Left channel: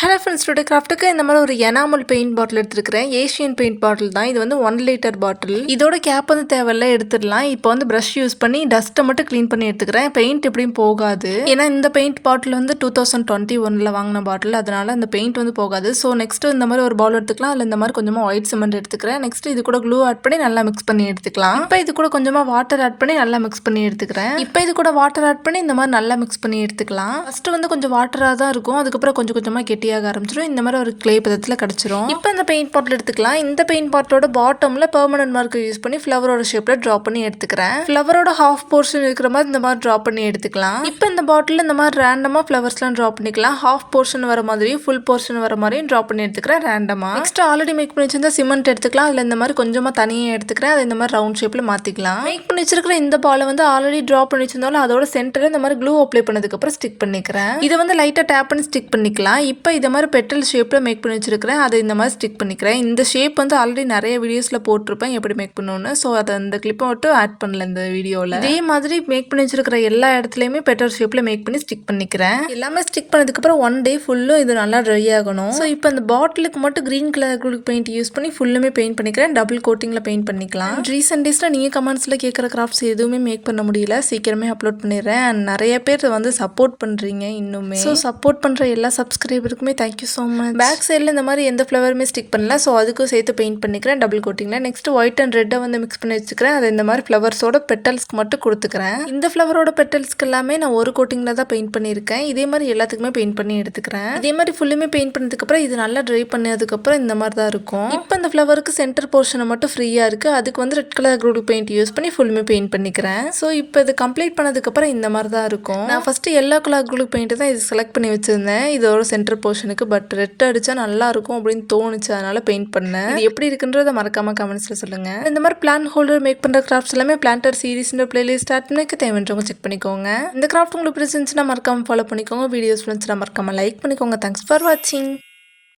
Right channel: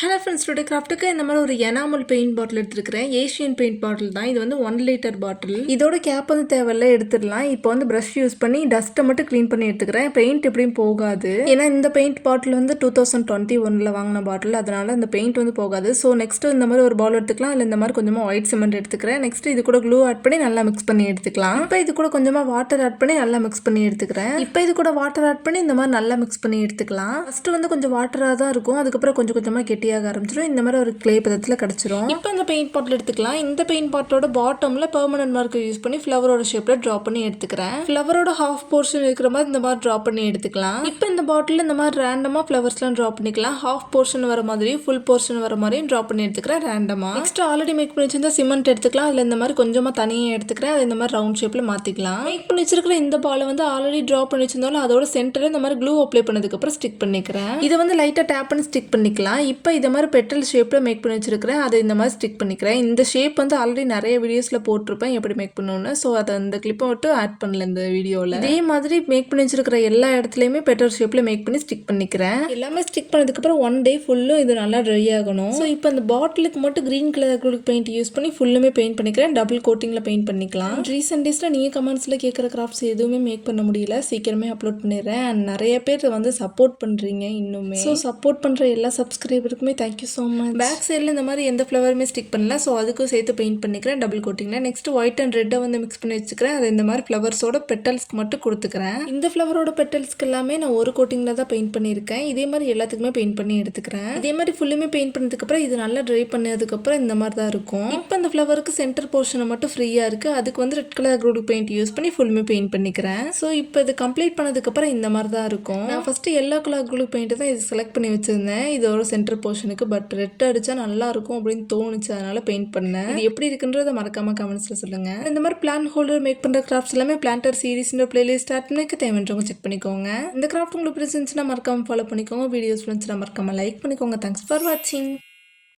Hello friends, today கிராஃப்ட்டுக்கு இந்த மாதிரி ஒரு எனாமல் பெயிண்ட் பாட்டில் எடுத்துருக்கிறேன். ஏஷியன் பெயிண்ட் பாட்டில் தான் இது. வந்து 1 லிட்டர் பாட்டில். இதோட கேப் வந்து தேவையில்ல, எடுத்துடலாம். இப்போ வந்து ப்ரஷ் யூஸ் பண்ணி டஸ்ட்டை மட்டும் க்ளீன் பண்ணி எடுத்துக்கிறேன். பெயிண்ட் எப்படியும் போகாது, ஏன்னா இந்த பெயிண்ட் பாட்டில் வந்து 2021 வாங்கின பாட்டில், அதனால இந்த பெயிண்ட் வந்து போகாது. ஸோ நெக்ஸ்ட் இந்த மாதிரி ஒரு பவுல் எடுத்துக்கலாம். அதில் இந்த மாதிரி கொஞ்சமாக ஒயிட் சிமெண்ட் எடுத்துக்கிறேன். நெக்ஸ்ட் இது கூட க்ளூ ஆட் பண்ணி நல்லா மிக்ஸ் பண்ணி எடுத்துக்கலாம். இப்போ இது கூட கொஞ்சமாக வாட்டர் ஆட் பண்ணி நல்லா மிக்ஸ் பண்ணி எடுத்துக்கிறேன். இப்போ இது கூட வாட்டர் ஆட் பண்ணி இந்த மாதிரி நல்லா மிக்ஸ் பண்ணி எடுத்துக்கலாம். ஃபர்ஸ்ட் வந்து கொஞ்சம் வாட்டராக தான் இருக்கும், அதுக்கப்புறம் கொஞ்சம் கொஞ்சமாக கெட்டியாக ஆரம்பிச்சிடும். இந்த மாதிரி ஒரு கிளே பதத்தில் கிடச்சிரும். இப்போ இந்த பெயிண்ட் பாட்டில் எடுத்துக்கலாம். இந்த பெயிண்ட் பாட்டிலோட பாட்டமில் பெர்மனன்ட் மார்க்கர் யூஸ் பண்ணி ஃப்ளவரோட ஷேப்பில் ட்ரா பண்ணி எடுத்துக்கிறேன். ஃப்ளவரோட ஹாஃப் போர்ஷன் இருக்கிற மாதிரி இந்த மாதிரி ட்ரா பண்ணி எடுத்துக்கலாம். இப்போ இந்த பாட்டில் இந்த மாதிரி ரேண்டமாக ஃப்ளவர்ஸ்லாம் ட்ரா பண்ணிக்கலாம். ஹாஃப் போர்ஷன் வர மாதிரியும் ஃபுல் போர்ஷன் வர மாதிரியும் ட்ரா பண்ணி எடுத்துக்கிறேன் ரேண்டமாக. நெக்ஸ்ட் ஆல்ரெடி மேக் பண்ணி வச்சிருந்தா சிமெண்ட் எடுத்துக்கலாம். அதில் இந்த மாதிரி கொஞ்சமாக தனியாக எடுத்துக்கிறேன். அதை இந்த மாதிரி ரவுண்ட் ஷேப்பில் மாற்றிக்கலாம். மேக் பண்ணி வச்சிருக்கிற இந்த பாலை வந்து ஆல்ரெடி ட்ரா பண்ணி வச்சிருந்தாலும் அதோட சென்டரில் இந்த மாதிரி க்ளூ அப்ளை பண்ணதுக்கப்புறம் ஸ்டிக் பண்ணிக்கிறேன். இது வந்து லைட்டாக டேப் பண்ணி ஸ்டிக் பண்ணிக்கலாம். இப்போ இதை மாதிரி பெட்டல் ஷேப்பில் மேக் பண்ணி வச்சிருக்கிறேன். அதை இந்த மாதிரி ஸ்டிக் பண்ணிக்கிறேன். இந்த ஷேப் வந்து ஆல்ரெடி நிறைய வீடியோஸில் போட்டிருப்பேன் எப்படி மேக் பண்ணணும்னு. ஸோ அதை அந்த கிளிப்பை மட்டும் ஆட் பண்ணல இந்த வீடியோவில். இதே மாதிரி மேக் பண்ணி வச்சிருக்கிற எல்லா இடத்துலையுமே பெட்டல் ஷேப்பில் மேக் பண்ணி ஸ்டிக் பண்ணிக்கிறேன். எல்லாமே ஸ்டிக் பண்ணதுக்கப்புறம் 1 டே ஃபுல்லும் இது நல்லா ட்ரை ஆகணும். ஸோ இப்போ அந்த பாட்டிலுக்கு மட்டும் க்ரீன் கலர் பெயிண்ட் யூஸ் பண்ணி ஃபுல்லுமே பெயிண்ட் பண்ணிக்கிறேன். டபுள் கோட்டிங்கில் பெயிண்ட் பண்ணிக்கலாம். ரீசெண்ட் டேஸில் நீங்கள் கமெண்ட்ஸில் கேட்குற கிராஃப்ட்ஸ் எதுவுமே மேக் பண்ண முடியல, சீக்கிரமே அப்லோட் பண்ணிடுறேன். அண்ட் நிறைய பேர் வந்து சப்போர்ட் பண்ணுறீங்க இன்னுமே. ஸோ சப்போர்ட் பண்ணுற எல்லா சப்ஸ்கிரைபருக்குமே தேங்க்யூ ஸோ மச். பேக் சைடில் இந்த மாதிரி எந்த ஃப்ளவருமே ஸ்டிக் பண்ணல, ஸோ அதுக்கும் சேர்த்து பெயிண்ட் பண்ணிக்கிறேன் டபுள் கோட்டிங்கில். நெக்ஸ்ட் ஒயிட் அண்ட் ரெட்டை வந்து மிக்ஸ் பண்ணி வச்சுக்கிறேன். அதை இந்த மாதிரி ஃப்ளவர்ஸோட பெட்டல்ஸ்க்கு மட்டும் கொடுத்துக்கிறேன். இந்த ஃப்ளவரோட பெட்டல்ஸ்க்கு எல்லாமே நான் ஒரு கோட்டிங்கில் தான் பெயிண்ட் பண்ணியிருக்கேன். இதே மாதிரி எல்லாத்துக்குமே பெயிண்ட் பண்ணி எடுத்துக்கிறேன். இதே மாதிரி ஃபுல்லுமே பெயிண்ட் பண்ணதுக்கப்புறம் இது நல்லா ட்ரை பண்ணதுக்கப்புறம் இந்த மாதிரி தான் இருக்கும். இப்போ அந்த ஃப்ளவருக்கு சென்டர் போர்ஷனை மட்டும் ஃப்ரீயாக இருக்குது, அதுக்கு வந்து red colour group paint use பண்ணி ஃபுல்லுமே பெயிண்ட் பண்ணிக்கிறேன். ஸோ இப்போ இது கம்ப்ளீட் பண்ணதுக்கப்புறம் இந்த மாதிரி தான் இருக்கும். நான் first yellow colour group paint தான் இது செலக்ட் பண்ணி வச்சுருந்தேன் இதோட சென்டர் போர்ஷனுக்கு. பட் ரெட் அடித்தா நல்லா இருக்கும் அப்படின்னு தோணுச்சு, அதனால பெயிண்ட் பண்ணேன். இது எப்படி இருக்குன்றத மறக்காம கமெண்ட்ஸ்ல சொல்லுங்க. இந்த மாதிரி பிளான் ஹோல்டர் மேக் பண்ற கிராஃப்ட்ஸ் எல்லாமே பிளான்டர் சீரிஸ்ன்ற பிளேலிஸ்ட் ஸ்டார்ட் பண்ணி தேவைன்றவங்க செக் பண்ணிக்கோங்க. இந்த கிராஃப்ட் உங்களுக்கு பிடிச்சிருந்துச்சுன்னா மறக்காம ஃபாலோ பண்ணிக்கோங்க. வீடியோஸ் பிடிச்சிருந்துச்சுன்னா மறக்காம லைக் பண்ணிக்கோங்க. தேங்க்ஸ் ஃபார் வாட்சிங்.